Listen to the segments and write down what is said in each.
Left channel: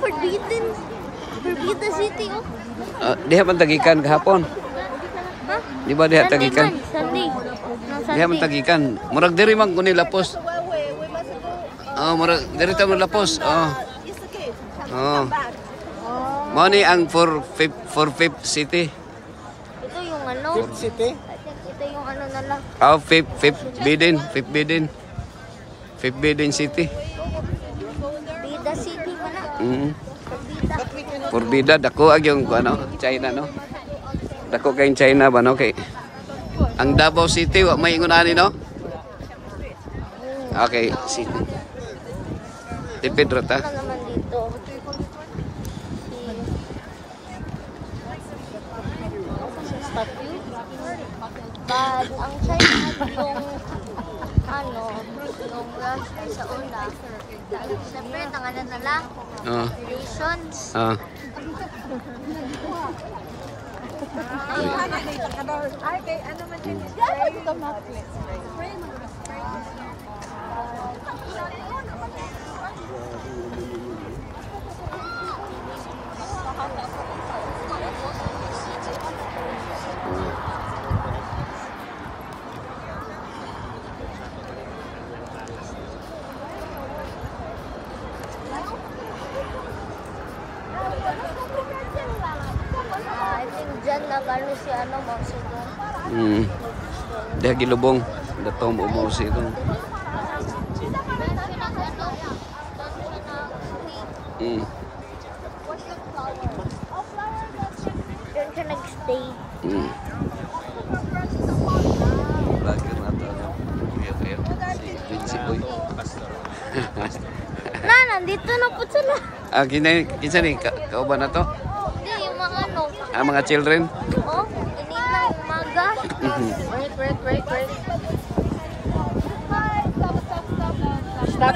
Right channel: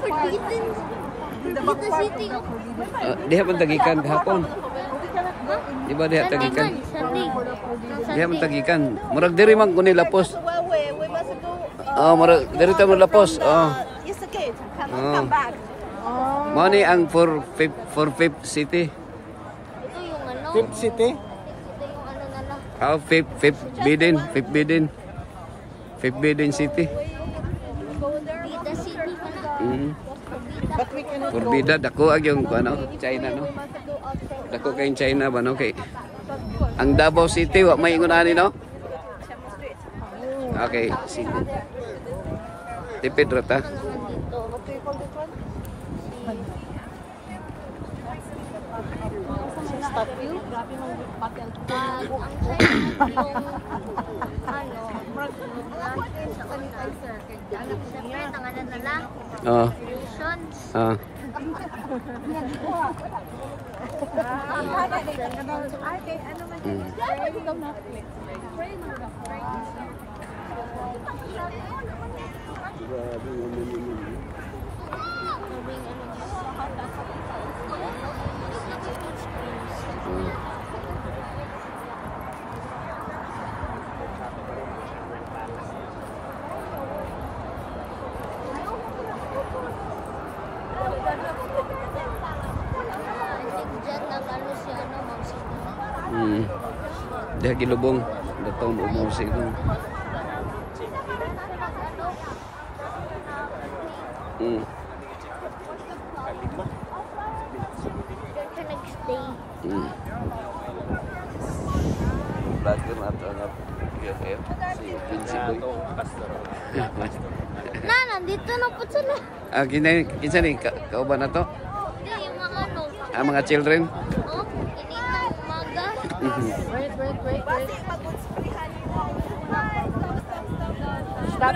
Forbidden. Forbidden City. Diha man tagikan gahapon. Di ba diha tagikan? Sunday. Diha man tagikan. Murag diri man kuno lapos. Murag diri ta man lapos. Mao ni ang for fifth city. Ito yung ano. Fifth city? Ito yung ano na lang. Fifth Bidin City. Bida City pa na. Forbida dako ag yung ano, China no. Dako kay China ba no kay. Ang Davao City wa may ingon ani no. Okay, city. Tipid ra ta. Naman dito. Ang China yung last year sa una. Siyempre, tanganan na lang. Relations. I think dyan na balo si ano mo siguro. Diha gilubong. Datom umor si ito. Doon siya nag ano? Doon siya nag Mm. Doon siya nag-stay. Bakit na ito nga si Vinci Boy. Nandito na po sila. Kinsa ni kauban na to? Hindi, yung mga ano. Mga children. Oh, inita umaga. Wait. Stop.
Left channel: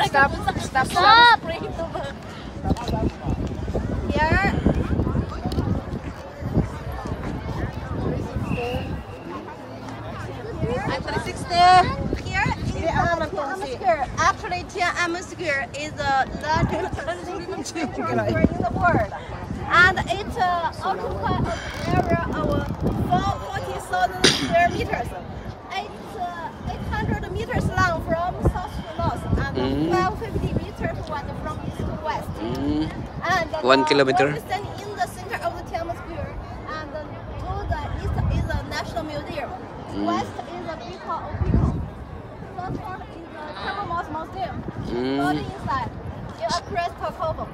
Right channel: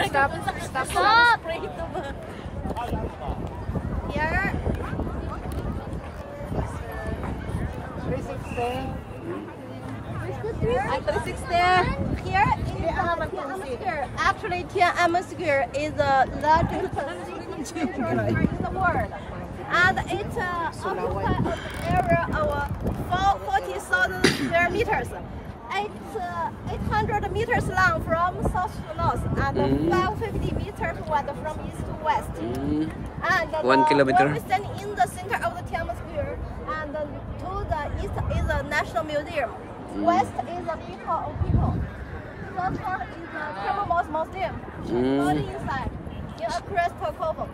Here. I'm 360. Here is Tiananmen. Actually, Tiananmen is the largest city in the world, and it occupies an area of 40,000 square meters. It's 800 meters long from south to north, and 550 meters wide from east to west. And 1 kilometer. We stand in the center of the Tiananmen Square, and to the east is the National Museum. West is the People of People. North part is the Commonwealth Museum. All inside, in a crystal cobble.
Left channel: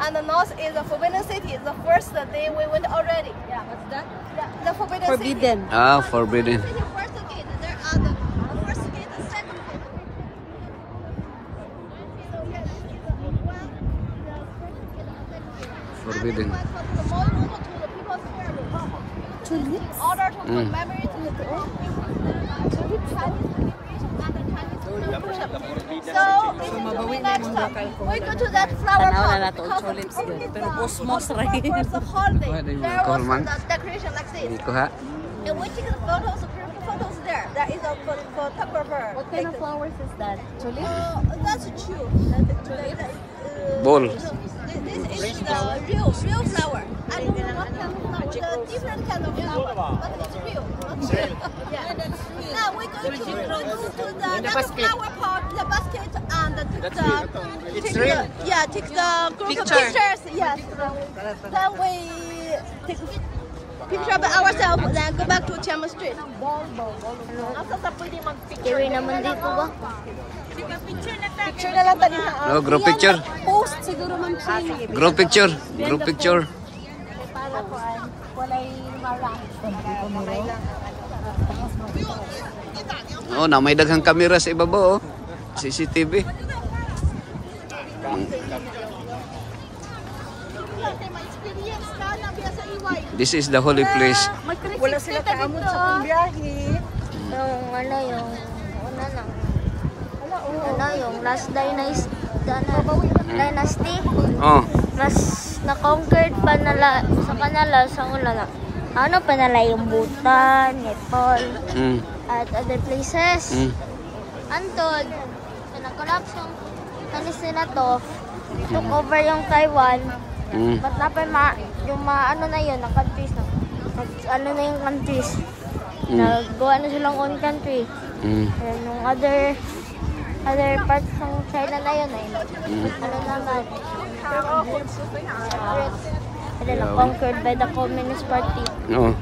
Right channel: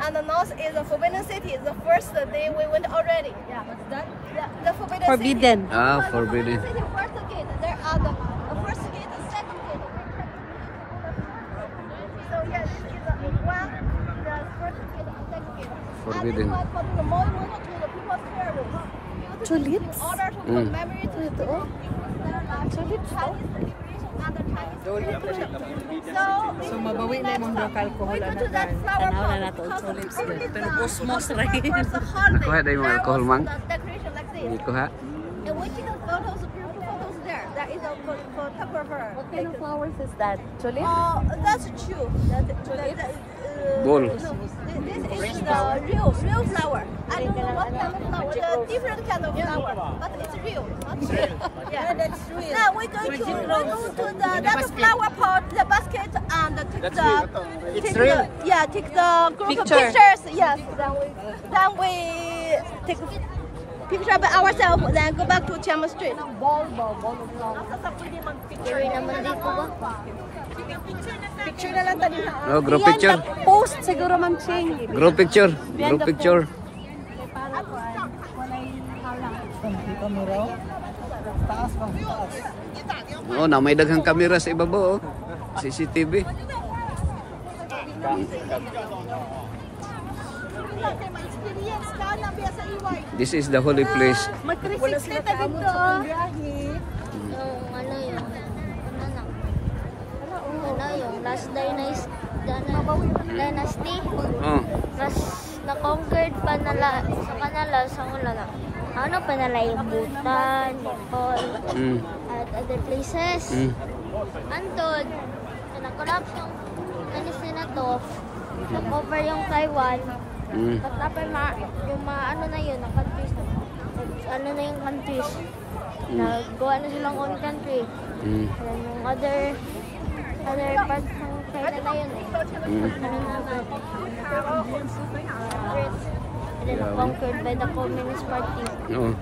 And the north is the Forbidden City. The first day we went already. Yeah, what's that? The Forbidden City. Forbidden. First gate. There are the first gate, the second gate. So yes, this is the one. The first gate, the second gate. Forbidden. Tulips. In order to commemorate the people, tulip Chinese liberation and the Chinese revolution. So mabawi na yung mga alcohol We go to that flower tanaw na pot nato because tulips the din. Pero tulips cosmos are rin. for the holiday. Nakuha na yung There alcohol, was mang? the decoration like this. Hindi ko ha. And we take photos, beautiful photos there. There is a photographer. What kind of flowers is that? Tulip? That's true. Ball. This is the real flower. I don't know what kind of flower. The different kind of flower, but it's real. Not real. Yeah, that's real. Now we go to that flower pot, the basket, and take the pictures. Yes. Then we take picture of ourselves. Then go back to Tiananmen Street. Kiri naman dito ba? Picture na lang tadi. Group picture. Post siguro man ching. Group picture. Na may daghang kamera sa ibabaw. CCTV. This is the holy place. Wala sila kaamon sa biyahe. Yung last dynasty. Mas na-conquered pa nala sa kanila sa una na. Ano pa nala yung Bhutan, Nepal, at other places. Antod, na-collapse yung Kanis na to, took over yung Taiwan. But yung ano na yun, na countries na. Ano na yung countries. Nagawa na silang own country. And yung other parts ng China na yun eh. Ano na lang. Separate. And then conquered by the Communist Party. Oo.